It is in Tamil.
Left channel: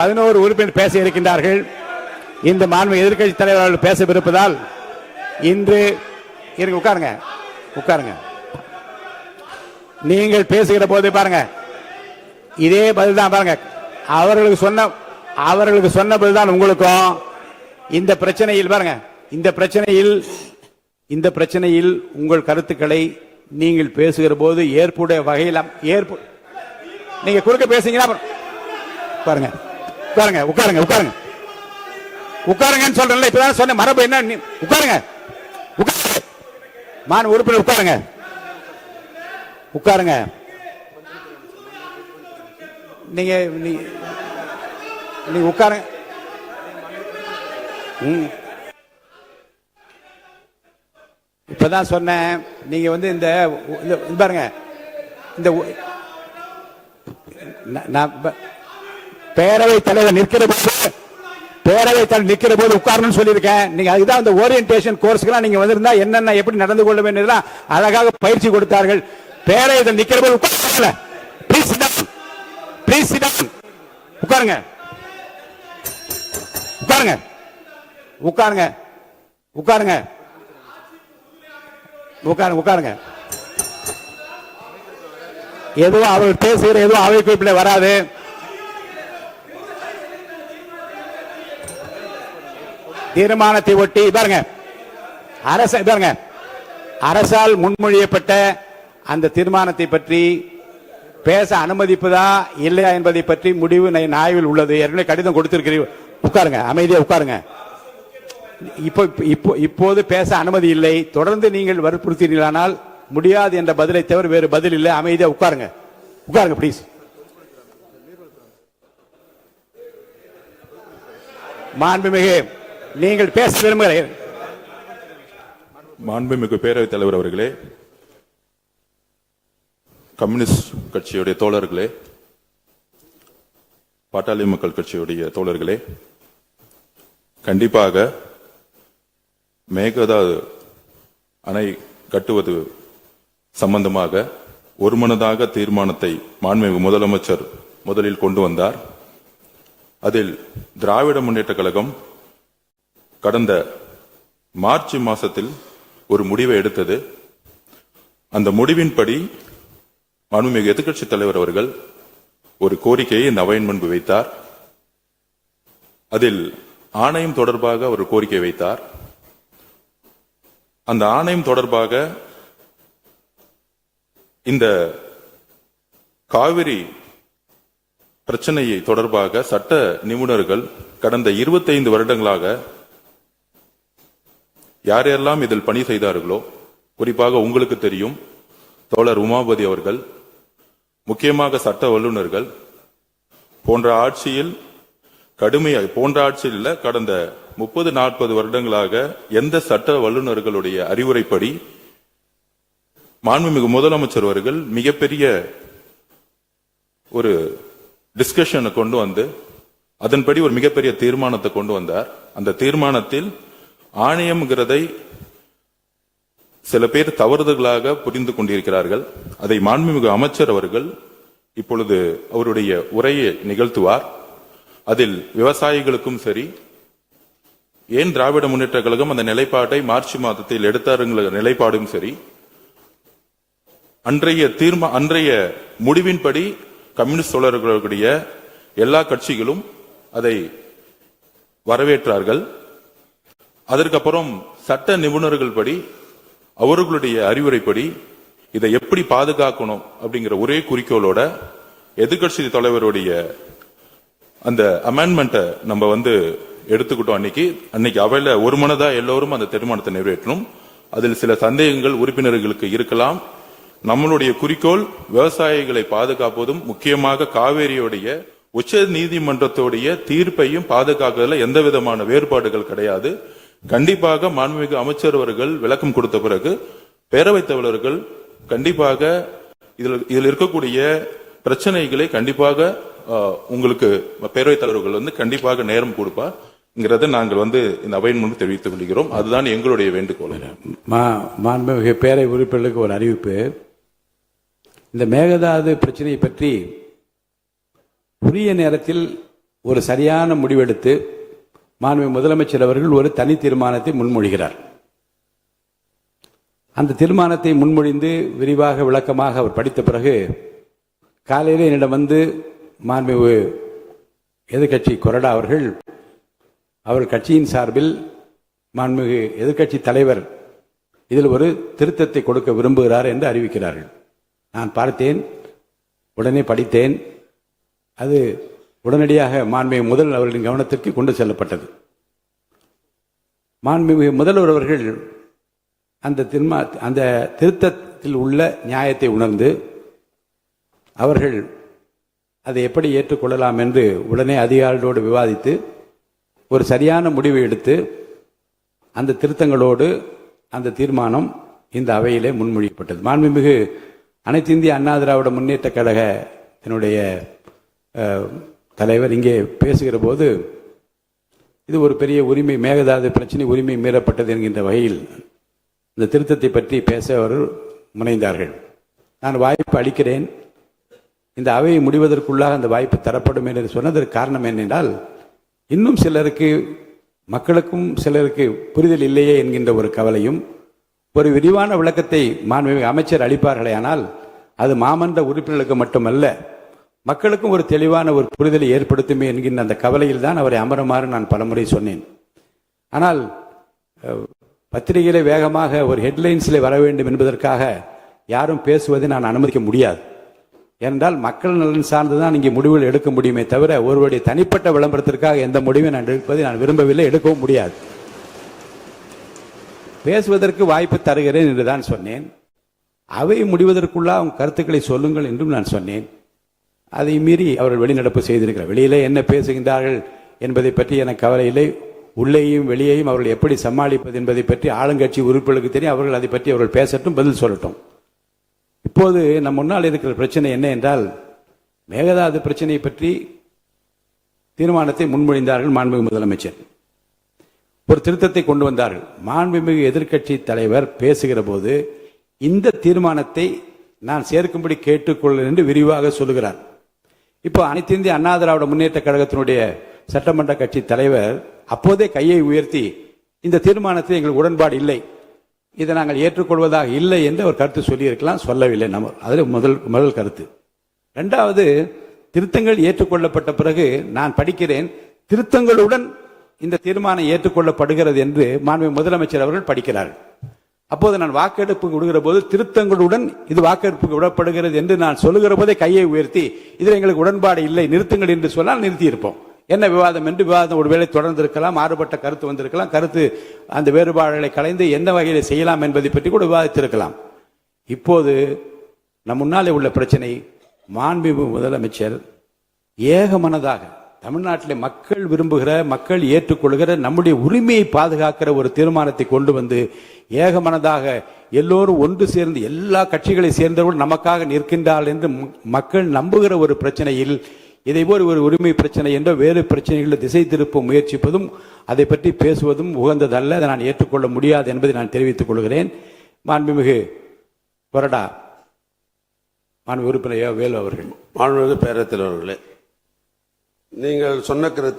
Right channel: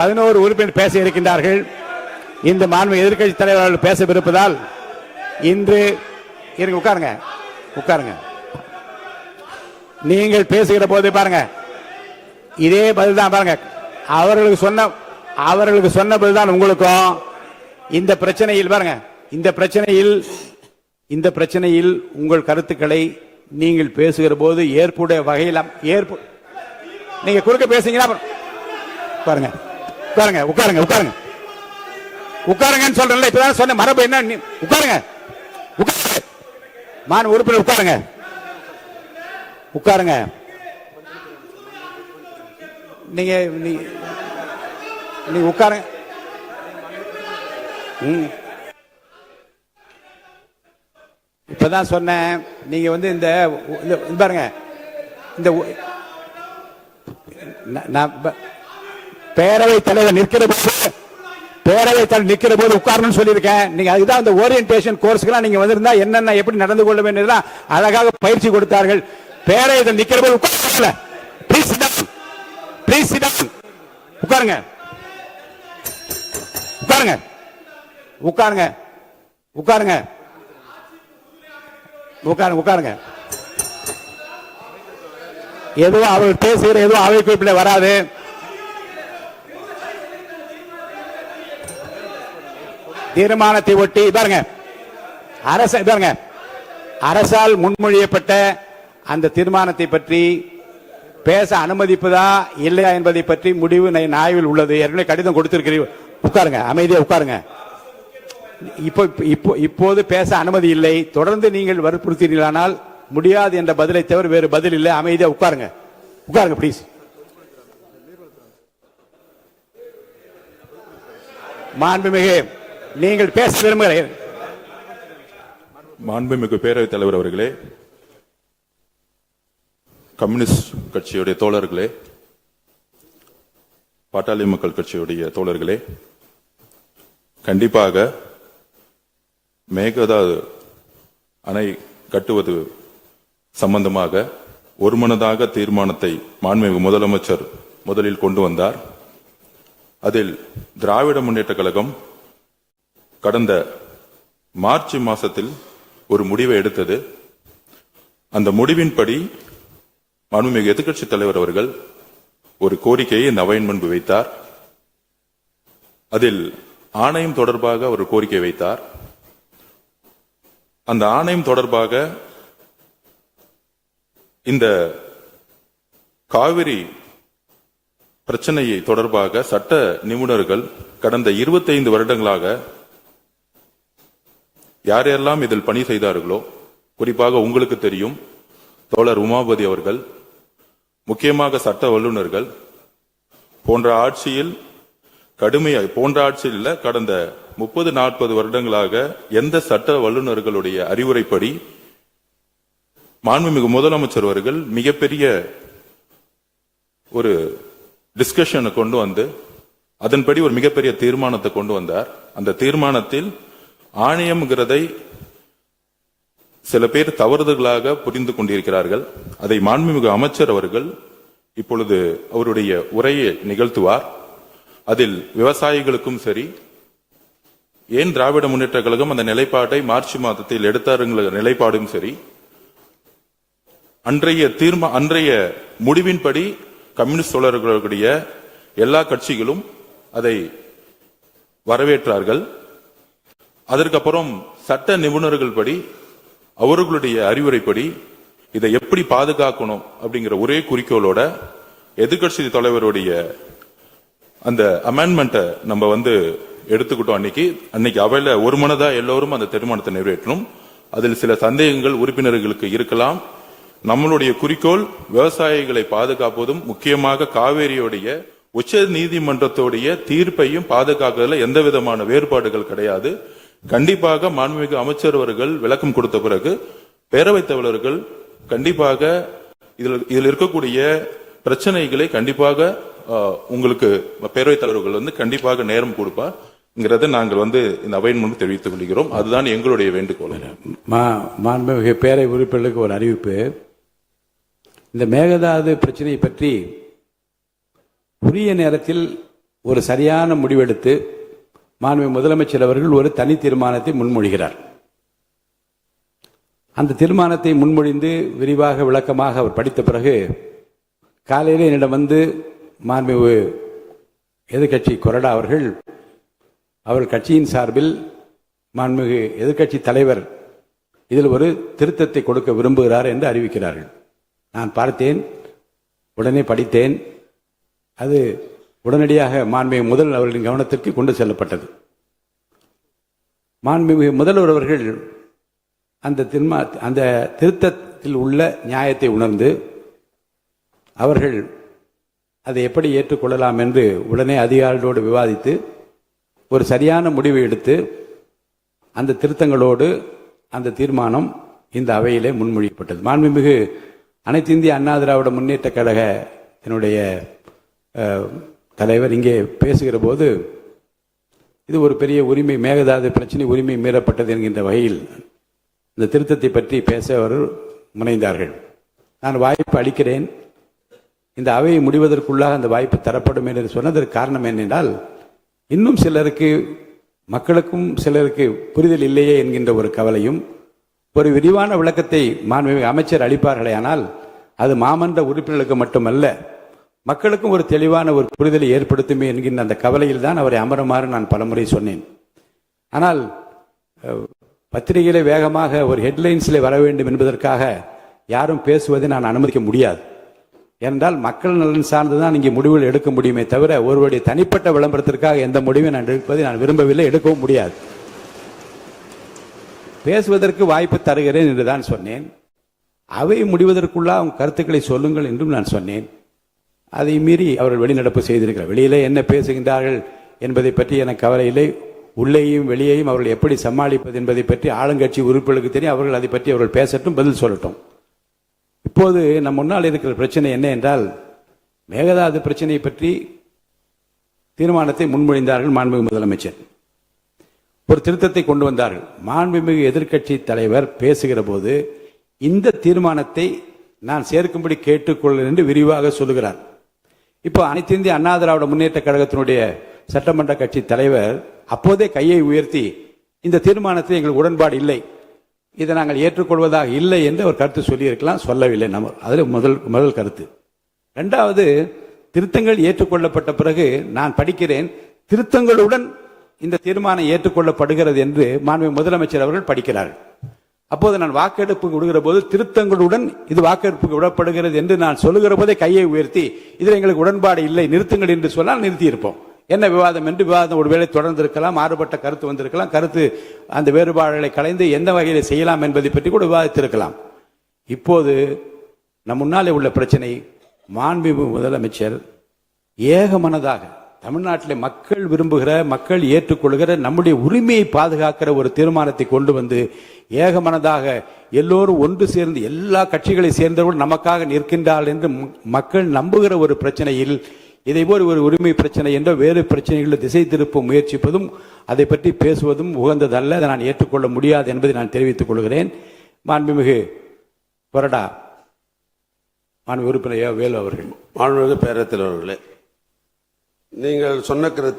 11 உறுப்பினர் பேச இருக்கின்றார்கள். இந்த மாண்பு எதிர்க்கட்சி தலைவர்கள் பேசவிருப்பதால் இன்று உட்காருங்க உட்காருங்க. நீங்கள் பேசுகிற போது பாருங்க, இதே பதில் தான் பாருங்க. அவர்களுக்கு சொன்ன பதில்தான் உங்களுக்கும். இந்த பிரச்சனையில் பாருங்க, இந்த பிரச்சனையில் உங்கள் கருத்துக்களை நீங்கள் பேசுகிற போது ஏற்புடைய வகையில் நீங்க குறுக்க பேசுறீங்களா? பாருங்க உட்காருங்க உட்காருங்க உட்காருங்க உட்காருங்கன்னு சொல்றேன். இப்பதான் சொன்ன மரபு என்ன? உட்காருங்க மான் உறுப்பினர் உட்காருங்க உட்காருங்க. நீங்க உட்காருங்க. இப்பதான் சொன்னேன். நீங்க இந்த பாருங்க, இந்த பேரவைத் தலைவர் நிற்கிற போது உட்காரணும்னு சொல்லியிருக்கேன். நீங்க அதுதான் இந்த ஓரியன்டேஷன் கோர்ஸ்க்கு நீங்க வந்திருந்தா என்னென்ன எப்படி நடந்து கொள்ள வேண்டியதெல்லாம் அழகாக பயிற்சி கொடுத்தார்கள். பேரவையில் நிற்கிற போது உட்கார உட்காருங்க உட்காருங்க உட்காருங்க உட்காருங்க உட்காருங்க உட்காருங்க. எதுவும் அவர்கள் பேசுகிற எதுவும் அவை குறிப்பிட வராது. தீர்மானத்தை ஒட்டி பாருங்க, அரசால் முன்மொழியப்பட்ட அந்த தீர்மானத்தை பற்றி பேச அனுமதிப்பதா இல்லையா என்பதை பற்றி முடிவு ஆய்வில் உள்ளது. ஏற்கனவே கடிதம் கொடுத்திருக்கிறீர்கள். உட்காருங்க, அமைதியா உட்காருங்க. இப்போது பேச அனுமதி இல்லை. தொடர்ந்து நீங்கள் வற்புறுத்தினீர்களானால் முடியாது என்ற பதிலை தவிர வேறு பதில் இல்லை. அமைதியா உட்காருங்க உட்காருங்க பிளீஸ். மாண்புமிகு நீங்கள் பேச விரும்புகிறீர்கள். மாண்புமிகு பேரவைத் தலைவர் அவர்களே, கம்யூனிஸ்ட் கட்சியுடைய தோழர்களே, பாட்டாளி மக்கள் கட்சியுடைய தோழர்களே, கண்டிப்பாக மேகதாது அணை கட்டுவது சம்பந்தமாக ஒருமனதாக தீர்மானத்தை மாண்புமிகு முதலமைச்சர் முதலில் கொண்டு வந்தார். அதில் திராவிட முன்னேற்ற கழகம் கடந்த மார்ச் மாசத்தில் ஒரு முடிவை எடுத்தது. அந்த முடிவின்படி மாண்புமிகு எதிர்க்கட்சித் தலைவர் அவர்கள் ஒரு கோரிக்கையை இந்த அவையின் முன்பு வைத்தார். அதில் ஆணையம் தொடர்பாக ஒரு கோரிக்கை வைத்தார். அந்த ஆணையம் தொடர்பாக இந்த காவிரி பிரச்சனையை தொடர்பாக சட்ட நிபுணர்கள் கடந்த 25 வருடங்களாக யாரெல்லாம் இதில் பணி செய்தார்களோ, குறிப்பாக உங்களுக்கு தெரியும், தோழர் உமாபதி அவர்கள், முக்கியமாக சட்ட வல்லுநர்கள் போன்ற ஆட்சியில் கடந்த 30-40 வருடங்களாக எந்த சட்ட வல்லுநர்களுடைய அறிவுரைப்படி மாண்புமிகு முதலமைச்சர் அவர்கள் மிகப்பெரிய ஒரு டிஸ்கஷனை கொண்டு வந்து அதன்படி ஒரு மிகப்பெரிய தீர்மானத்தை கொண்டு வந்தார். அந்த தீர்மானத்தில் ஆணையம்ங்கிறதை சில பேர் தவறுதலாக புரிந்து கொண்டிருக்கிறார்கள். அதை மாண்புமிகு அமைச்சர் அவர்கள் இப்பொழுது அவருடைய உரையை நிகழ்த்துவார். அதில் விவசாயிகளுக்கும் சரி, ஏன் திராவிட முன்னேற்ற கழகம் அந்த நிலைப்பாட்டை மார்ச் மாதத்தில் எடுத்தாருங்கிற நிலைப்பாடும் சரி, அன்றைய முடிவின்படி கம்யூனிஸ்ட் தோழர்களுடைய எல்லா கட்சிகளும் அதை வரவேற்றார்கள். அதற்கப்புறம் சட்ட நிபுணர்கள் படி அவர்களுடைய அறிவுரைப்படி இதை எப்படி பாதுகாக்கணும் அப்படிங்கிற ஒரே குறிக்கோளோட எதிர்க்கட்சி தலைவருடைய அந்த அமெண்ட்மெண்ட்டை நம்ம எடுத்துக்கிட்டோம். அன்னைக்கு அவையில ஒரு மனதா எல்லோரும் அந்த தீர்மானத்தை நிறைவேற்றணும். அதில் சில சந்தேகங்கள் உறுப்பினர்களுக்கு இருக்கலாம். நம்மளுடைய குறிக்கோள் விவசாயிகளை பாதுகாப்பதும், முக்கியமாக காவேரியுடைய உச்ச நீதிமன்றத்துடைய தீர்ப்பையும் பாதுகாக்கிறதுல எந்த விதமான வேறுபாடுகள் கிடையாது. கண்டிப்பாக மாண்புமிகு அமைச்சர் அவர்கள் விளக்கம் கொடுத்த பிறகு பேரவைத் தலைவர்கள் கண்டிப்பாக இதில் இருக்கக்கூடிய பிரச்சனைகளை கண்டிப்பாக உங்களுக்கு பேரவைத் தலைவர்கள் கண்டிப்பாக நேரம் கொடுப்பார் நாங்கள் இந்த அவையின் முன்பு தெரிவித்துக் கொள்கிறோம். அதுதான் எங்களுடைய வேண்டுகோள். மாண்புமிகு பேரவை உறுப்பினர்களுக்கு ஒரு அறிவிப்பு. இந்த மேகதாது பிரச்சனையை பற்றி உரிய நேரத்தில் ஒரு சரியான முடிவெடுத்து மாண்புமிகு முதலமைச்சர் அவர்கள் ஒரு தனி தீர்மானத்தை முன்மொழிகிறார். அந்த தீர்மானத்தை முன்மொழிந்து விரிவாக விளக்கமாக அவர் படித்த பிறகு காலையிலே என்னிடம் வந்து மாண்புமிகு எதிர்க்கட்சி கொறடா அவர்கள் கட்சியின் சார்பில் மாண்புமிகு எதிர்க்கட்சி தலைவர் இதில் ஒரு திருத்தத்தை கொடுக்க விரும்புகிறார் என்று அறிவிக்கிறார்கள். நான் பார்த்தேன், உடனே படித்தேன். அது உடனடியாக மாண்புமிகு முதல்வர் அவர்களின் கவனத்திற்கு கொண்டு செல்லப்பட்டது. மாண்புமிகு முதல்வர் அவர்கள் அந்த திருத்தத்தில் உள்ள நியாயத்தை உணர்ந்து அவர்கள் அதை எப்படி ஏற்றுக்கொள்ளலாம் என்று உடனே அதிகாரிகளோடு விவாதித்து ஒரு சரியான முடிவை எடுத்து அந்த திருத்தங்களோடு அந்த தீர்மானம் இந்த அவையிலே முன்மொழியப்பட்டது. மாண்புமிகு அனைத்து இந்திய அண்ணா திராவிட முன்னேற்ற கழக என்னுடைய தலைவர் இங்கே பேசுகிற போது இது ஒரு பெரிய உரிமை, மேகதாது பிரச்சனை உரிமை மீறப்பட்டது என்கின்ற வகையில் இந்த திருத்தத்தை பற்றி பேச அவர் முனைந்தார்கள். நான் வாய்ப்பு அளிக்கிறேன், இந்த அவை முடிவதற்குள்ளாக அந்த வாய்ப்பு தரப்படும் என்று சொன்னதற்கு காரணம் என்னென்றால், இன்னும் சிலருக்கு மக்களுக்கும் சிலருக்கு புரிதல் இல்லையே என்கின்ற ஒரு கவலையும், ஒரு விரிவான விளக்கத்தை மாண்புமிகு அமைச்சர் அளிப்பார்களே ஆனால் அது மாமன்ற உறுப்பினர்களுக்கு மட்டுமல்ல மக்களுக்கும் ஒரு தெளிவான ஒரு புரிதலை ஏற்படுத்துமே என்கின்ற அந்த கவலையில் தான் அவரை அமருமாறு நான் பலமுறை சொன்னேன். ஆனால் பத்திரிகையிலே வேகமாக ஒரு ஹெட்லைன்ஸில் வர வேண்டும் என்பதற்காக யாரும் பேசுவதை நான் அனுமதிக்க முடியாது. ஏனென்றால் மக்கள் நலன் சார்ந்துதான் இங்கே முடிவுகள் எடுக்க முடியுமே தவிர ஒருவருடைய தனிப்பட்ட விளம்பரத்திற்காக எந்த முடிவை நான் எடுப்பதை நான் விரும்பவில்லை, எடுக்கவும் முடியாது. பேசுவதற்கு வாய்ப்பு தருகிறேன் என்றுதான் சொன்னேன். அவை முடிவதற்குள்ள அவங்க கருத்துக்களை சொல்லுங்கள் என்றும் நான் சொன்னேன். அதை மீறி அவர்கள் வெளிநடப்பு செய்திருக்கிறார். வெளியிலே என்ன பேசுகின்றார்கள் என்பதை பற்றி எனக்கு கவலை இல்லை. உள்ளேயும் வெளியேயும் அவர்கள் எப்படி சமாளிப்பது என்பதை பற்றி ஆளுங்கட்சி உறுப்பினர்களுக்கு தெரியும். அவர்கள் அதை பற்றி அவர்கள் பேசட்டும், பதில் சொல்லட்டும். இப்போது நம் முன்னால் இருக்கிற பிரச்சனை என்ன என்றால், மேகதாது பிரச்சனையை பற்றி தீர்மானத்தை முன்மொழிந்தார்கள் மாண்புமிகு முதலமைச்சர். ஒரு திருத்தத்தை கொண்டு வந்தார்கள். மாண்புமிகு எதிர்க்கட்சி தலைவர் பேசுகிற போது இந்த தீர்மானத்தை நான் சேர்க்கும்படி கேட்டுக்கொள்ள என்று விரிவாக சொல்லுகிறார். இப்போ அனைத்து இந்திய அண்ணா திராவிட முன்னேற்ற கழகத்தினுடைய சட்டமன்ற கட்சி தலைவர் அப்போதே கையை உயர்த்தி இந்த தீர்மானத்தில் எங்களுக்கு உடன்பாடு இல்லை, இதை நாங்கள் ஏற்றுக்கொள்வதாக இல்லை என்று ஒரு கருத்து சொல்லியிருக்கலாம், சொல்லவில்லை. நம்ம அது முதல் கருத்து. இரண்டாவது, திருத்தங்கள் ஏற்றுக்கொள்ளப்பட்ட பிறகு நான் படிக்கிறேன், திருத்தங்களுடன் இந்த தீர்மானம் ஏற்றுக்கொள்ளப்படுகிறது என்று மாண்புமிகு முதலமைச்சர் அவர்கள் படிக்கிறார்கள். அப்போது நான் வாக்கெடுப்பு விடுகிற போது திருத்தங்களுடன் இது வாக்கெடுப்புக்கு விடப்படுகிறது என்று நான் சொல்லுகிற போதே கையை உயர்த்தி இதில் எங்களுக்கு உடன்பாடு இல்லை, நிறுத்துங்கள் என்று சொன்னால் நிறுத்தி இருப்போம். என்ன விவாதம் என்று விவாதம் ஒருவேளை தொடர்ந்திருக்கலாம், மாறுபட்ட கருத்து வந்திருக்கலாம், கருத்து அந்த வேறுபாடுகளை கலைந்து எந்த வகையில் செய்யலாம் என்பதை பற்றி கூட விவாதித்திருக்கலாம். இப்போது நம் முன்னாலே உள்ள பிரச்சனை, மாண்புமிகு முதலமைச்சர் ஏகமனதாக தமிழ்நாட்டில் மக்கள் விரும்புகிற, மக்கள் ஏற்றுக்கொள்கிற, நம்முடைய உரிமையை பாதுகாக்கிற ஒரு தீர்மானத்தை கொண்டு வந்து ஏகமனதாக எல்லோரும் ஒன்று சேர்ந்து எல்லா கட்சிகளை சேர்ந்தவர்கள் நமக்காக நிற்கின்றார்கள் என்று மக்கள் நம்புகிற ஒரு பிரச்சனையில் இதை போல் ஒரு உரிமை பிரச்சனை என்ற வேறு பிரச்சனைகளை திசை திருப்ப முயற்சிப்பதும் அதை பற்றி பேசுவதும் உகந்ததல்ல, அதை நான் ஏற்றுக்கொள்ள முடியாது என்பதை நான் தெரிவித்துக் கொள்கிறேன். மாண்புமிகு கொறடா மாண்பு உறுப்பினர் வேலு அவர்கள். மாண்புமிகு பேரவைத் தலைவர் அவர்களே, நீங்கள் சொன்ன கருத்து